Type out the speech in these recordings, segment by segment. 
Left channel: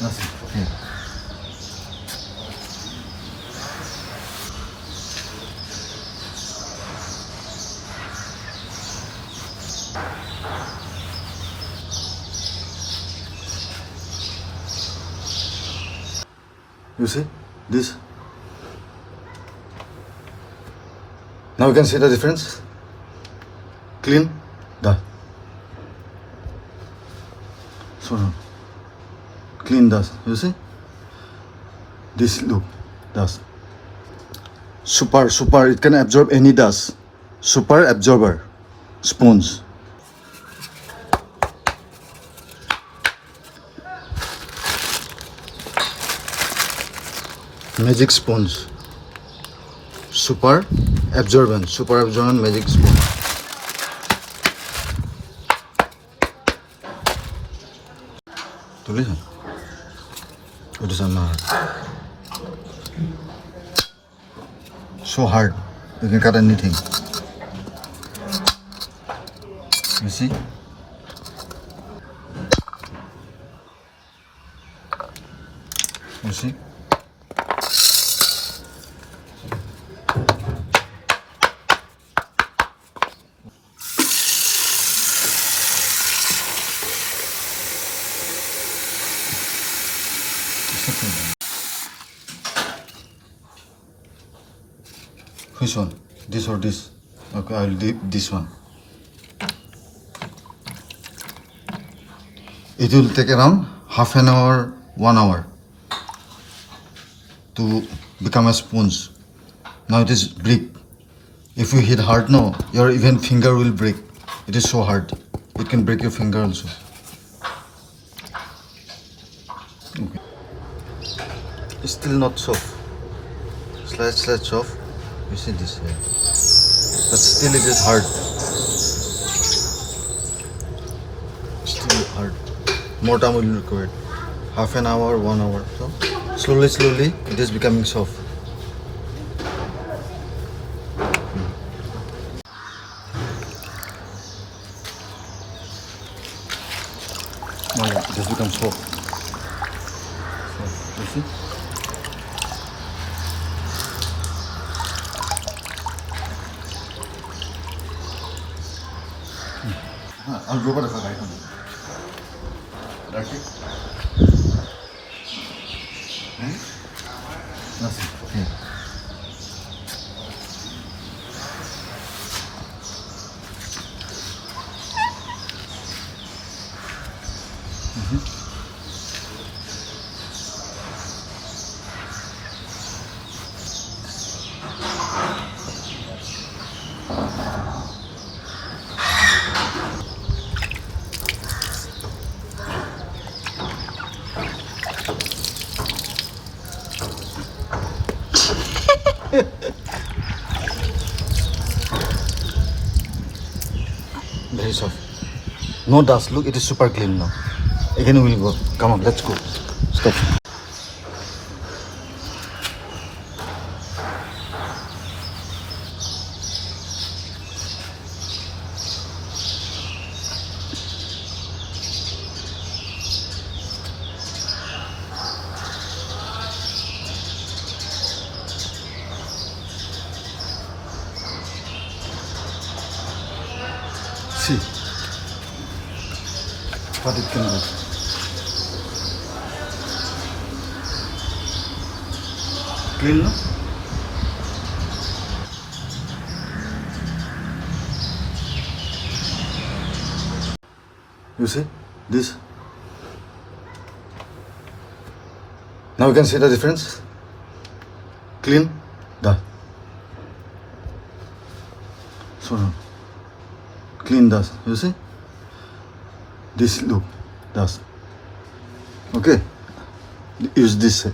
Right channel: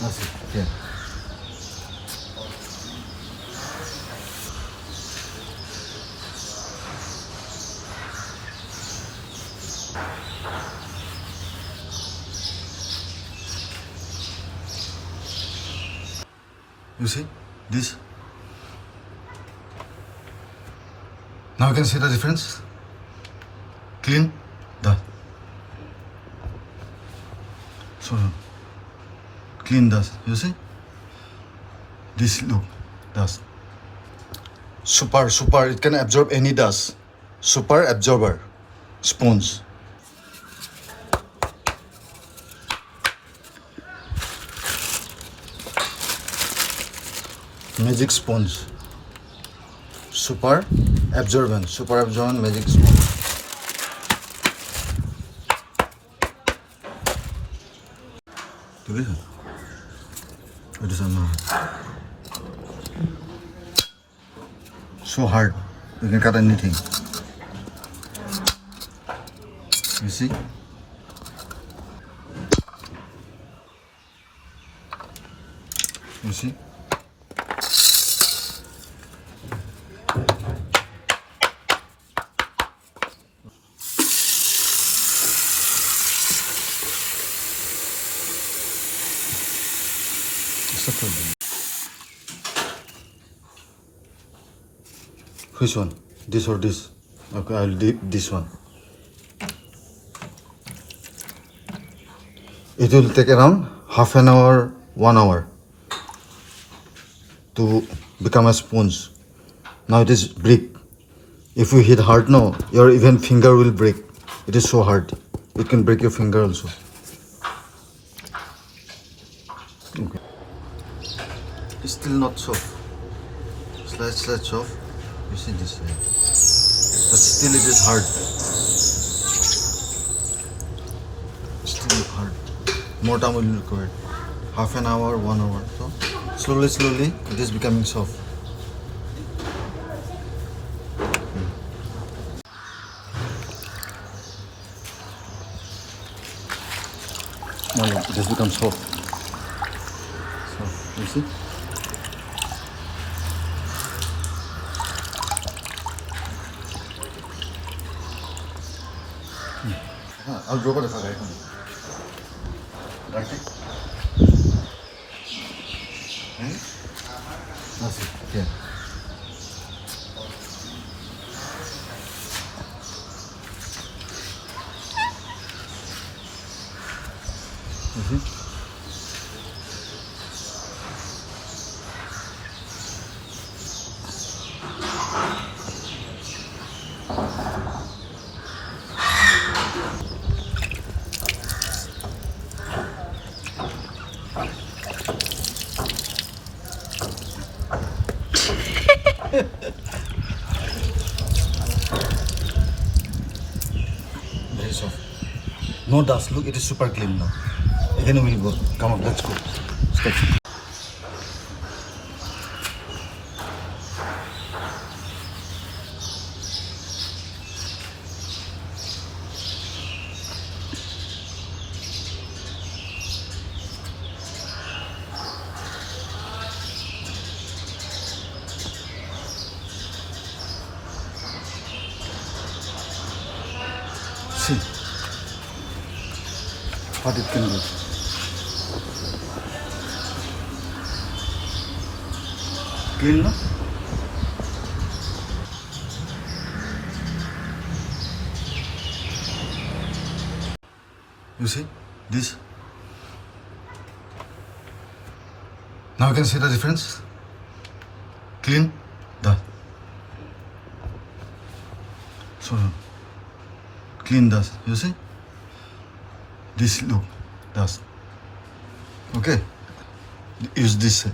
Nothing. Here. You see this? Now you can see the difference. Clean, the. So clean dust. You see? This look, dust. Super. It can absorb any dust. Super absorber. Spoons. Magic sponge. Super absorbent magic sponge. Tulisan. It is hard. So hard. You can cut anything. You see? You see? Which one? This or this? Okay, I'll do this one. It will take around half an hour, 1 hour to become a sponge. Now it is brick. If you hit hard now, your even finger will break. It is so hard. It can break your finger also. Okay. It's still not soft. Slight soft. You see this way. But still it is hard. Still hard. More time will be required. Half an hour, 1 hour. So slowly it is becoming soft. Now it has become soft. So, you see? I'll go for the guy. Right? Nothing. Here. Very soft. No dust. Look, it is super clean now. Again we will go. Come on, let's go. Stop. See what it can do. Clean, no? You see this? Now you can see the difference. Clean, the. So clean dust. You see? This look dust. Okay. Use this.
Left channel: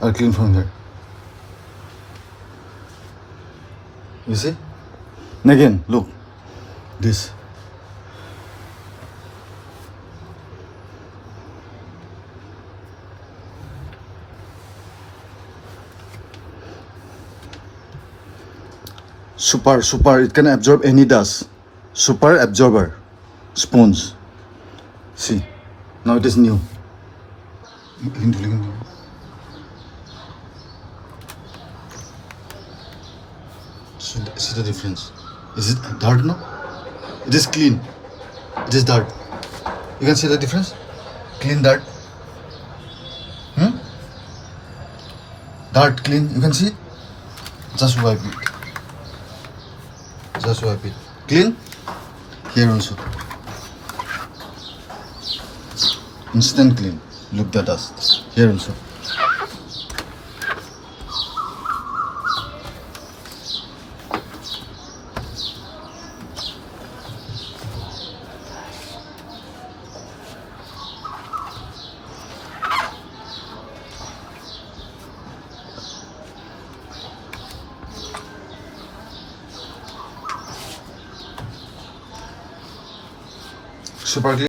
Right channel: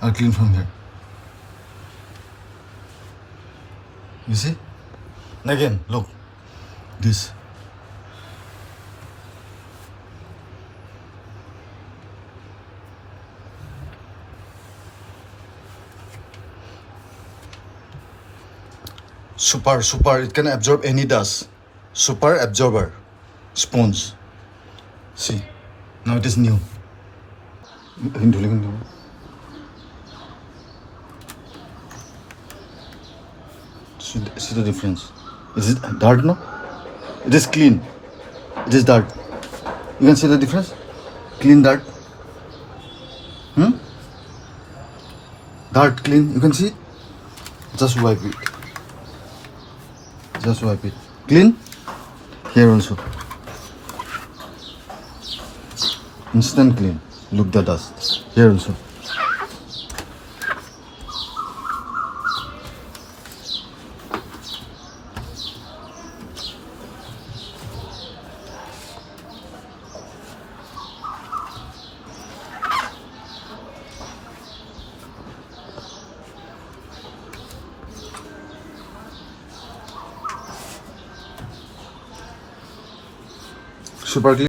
I'll clean from here. You see? And again, look. This. Super. It can absorb any dust. Super absorber. Spoons. See. Now it is new. Hindi lang. See the difference. Is it dark? No, it is clean. It is dark. You can see the difference. Clean, dark. Dark, clean. You can see. Just wipe it. Just wipe it. Clean. Here also. Instant clean. Look the dust. Here also. Super clean.